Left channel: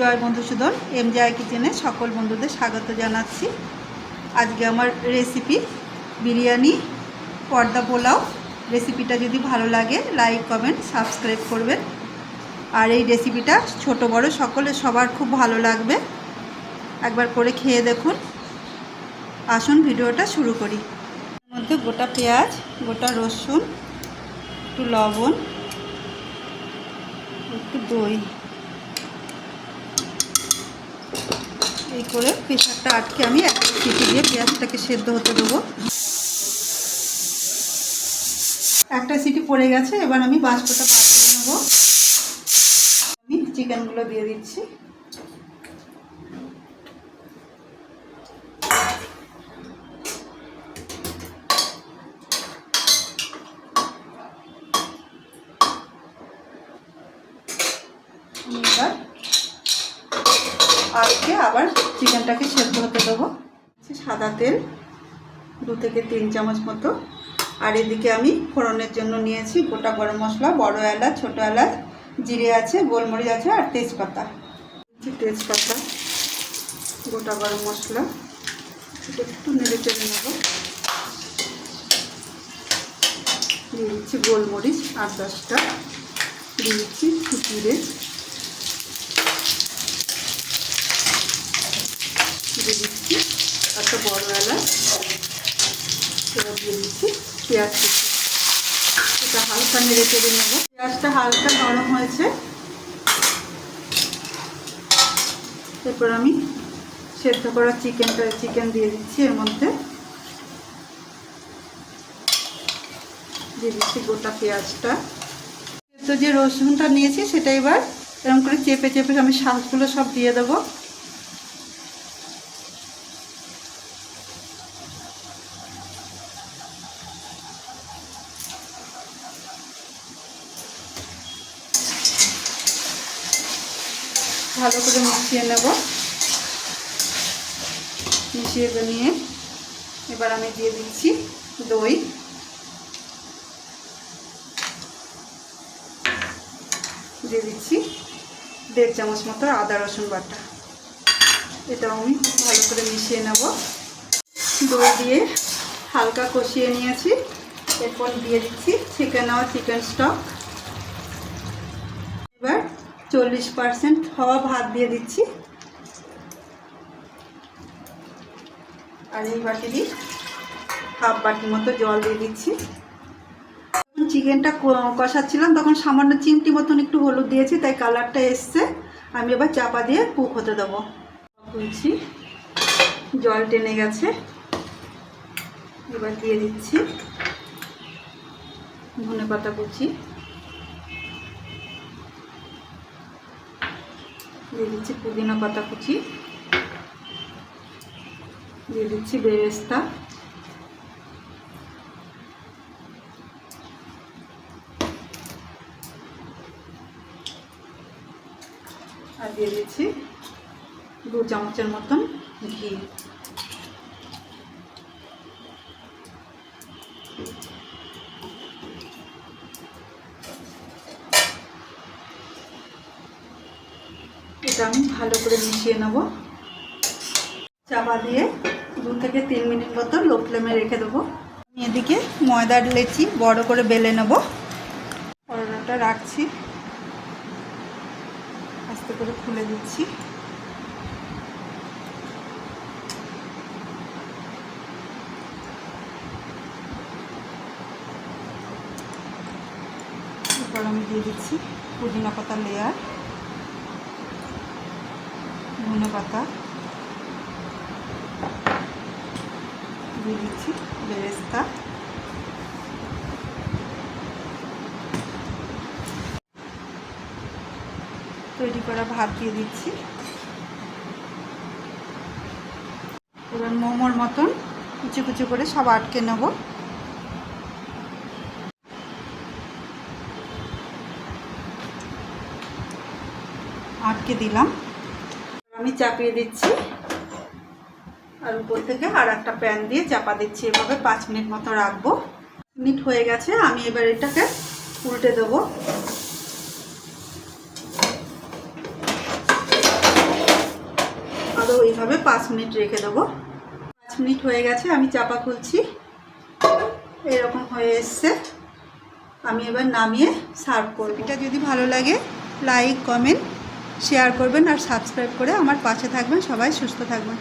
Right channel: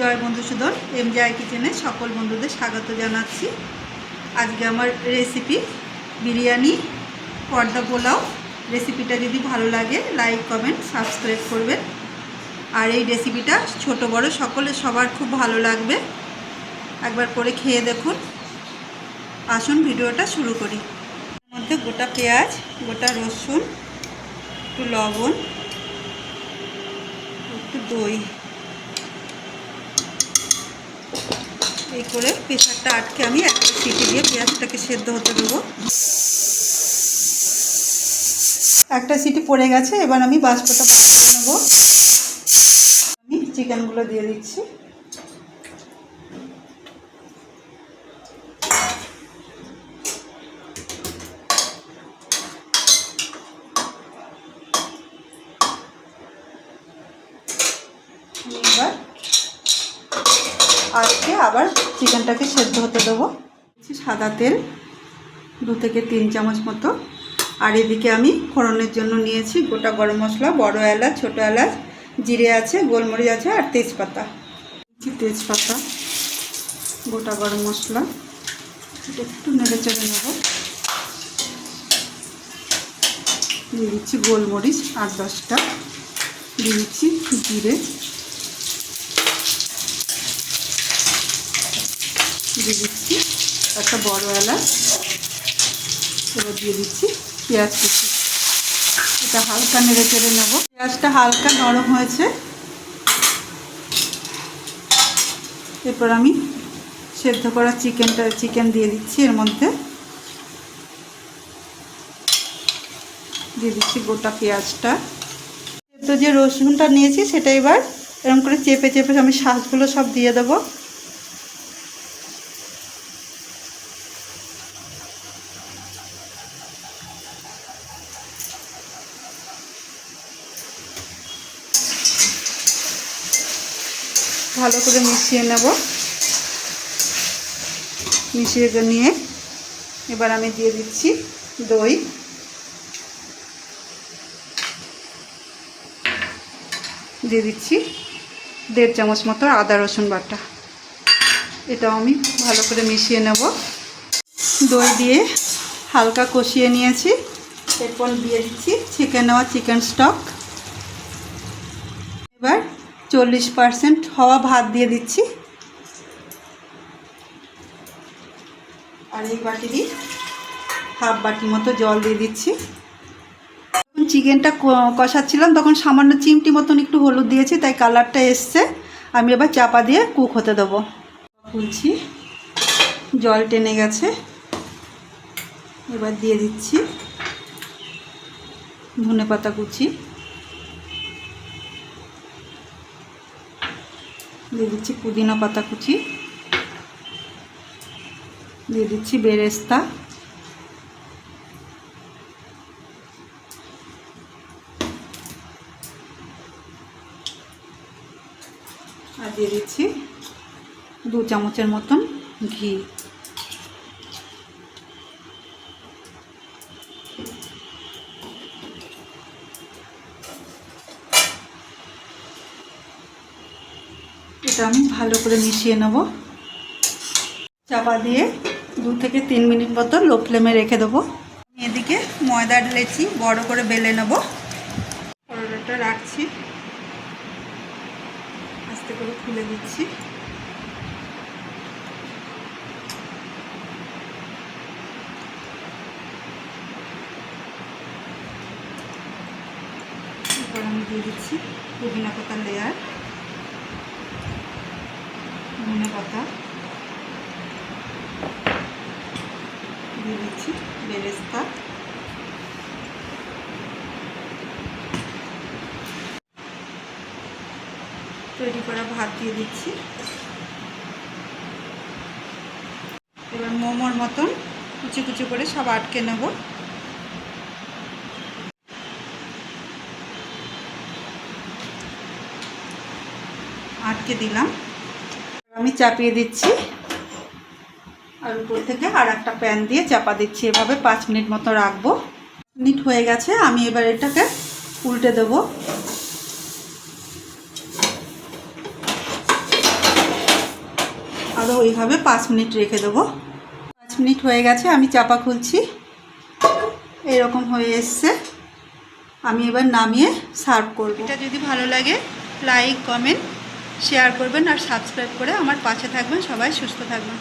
জয় বন্ধুসূদন M জয় কিচেনে সকল বন্ধুদের স্বাগত জানাচ্ছি। আজকে আমার রেসিপি বিরিয়ানি, পর্দা পোলাও রেসিপিটা যদি ভালো লাগে লাইক কমেন্ট সাবস্ক্রাইব করবেন। আর এই রেসিপিটা ছোট, বড় সকলে সবার খুব ভালো লাগবে। একবার করে খেয়ে দেখুন। আসুন, ভিডিওটা শুরু করি। মধ্যে গোটা পেঁয়াজ, গোটা রসুন, একটু লবণ, একটু দই। এই করে প্রেশারটা আটকে আমি একটা সিটি দিয়ে পেঁয়াজটাকে সেদ্ধ হতে দেবো। একটা সিটি পড়ে গেছে, এবার আমি বাষ্পটা বার করে নেব। আমি চিকেনগুলো দিয়ে দিচ্ছি। এবার আজকে আবার চিকেনটাকে সেদ্ধ হতে দেবো। সাদা তেল, দু থেকে তিন চামচ মতো। আর এদিকে আমি ফোড়নের জন্য নিয়েছি গোটা গরম মশলা, বড় এলাচ, ছোটো এলাচ, জিরে আছে, গোলমরিচ আছে আর তেজপাতা। তেজপাতা, গোটা গরম মশলা। একটু নেড়ে চেড়ে নেব। দিয়ে দিচ্ছি গোলমরিচ আট দশটা। দিয়ে দিচ্ছি জিরে দিয়ে দিচ্ছি একটা বড় এলাচ। এবার দিয়ে দিচ্ছি পেঁয়াজ কুচি। এটা হালকা নেড়ে চেড়ে নেব। পেঁয়াজটা হালকা নরম হয়েছে। এরপর আমি সেদ্ধ করা চিকেনটা, চিকেন দিয়ে দিচ্ছি এর মধ্যে। দিয়ে দিচ্ছি গোটা পেঁয়াজটা। তো যে রসুনটা নিয়েছি সেটা এবার এরকম করে চেপে চেপে আমি শাঁসগুলো সব দিয়ে দেবো। ভালো করে মিশিয়ে নেব। মিশিয়ে নিয়ে এবার আমি দিয়ে দিচ্ছি দই। দিয়ে দিচ্ছি দেড় চামচ মতো আদা, রসুন বাটা। এটাও আমি ভালো করে মিশিয়ে নেব। দই দিয়ে হালকা কষিয়ে নিয়েছি। এরপর দিয়ে দিচ্ছি চিকেন নেওয়া চিকেন স্টক এবার চল্লিশ পারসেন্ট হওয়া ভাত দিয়ে দিচ্ছি। আর এই বাটিরই হাফ বাটি মতো জল দিয়ে দিচ্ছি। যখন চিকেনটা কষাচ্ছিলাম, তখন সামান্য চিমটি মতন একটু হলুদ দিয়েছি, তাই কালারটা এসছে। আমি এবার চাপা দিয়ে কুক হতে দেবো। খুলছি জল টেনে গেছে। এবার দিয়ে দিচ্ছি ধনে পাতা কুচি। দিয়ে দিচ্ছি পুদিনা পাতা কুচি। দিয়ে দিচ্ছি বেরেস্তা। আর দিয়ে দিচ্ছি দু চামচের মতন ঘি। এটা আমি ভালো করে মিশিয়ে নেব। চাপা দিয়ে দু থেকে তিন মিনিট মতো লো ফ্লেমে রেখে দেবো। এদিকে ময়দা ঢেলেছি বড় করে বেলে নেব। পরোটাটা রাখছি। আস্তে করে খুলে দিচ্ছি। আমি দিয়ে দিচ্ছি পুদিনা পাতা লেয়ার ধনে পাতা। দিয়ে দিচ্ছি বেরেস্তা। তৈরি করা ভাত দিয়ে দিচ্ছি। এবার মোমোর মতন কুচি কুচি করে সব আটকে নেব। আটকে দিলাম। আমি চাপিয়ে দিচ্ছি। আর উপর থেকে আর একটা প্যান দিয়ে চাপা দিচ্ছি। এভাবে পাঁচ মিনিট মতো রাখব। মিনিট হয়ে গেছে। আমি এবার এটাকে উল্টে দেবো। আরও ওইভাবে পাঁচ মিনিট রেখে দেবো। পাঁচ মিনিট হয়ে গেছে। আমি চাপা খুলছি। এরকম হয়ে এসছে। আমি এবার নামিয়ে সার্ভ করব। এটা যদি ভালো লাগে, লাইক, কমেন্ট শেয়ার করবেন আর সাবস্ক্রাইব করে আমার পাশে থাকবেন সবাই সুস্থ থাকবেন।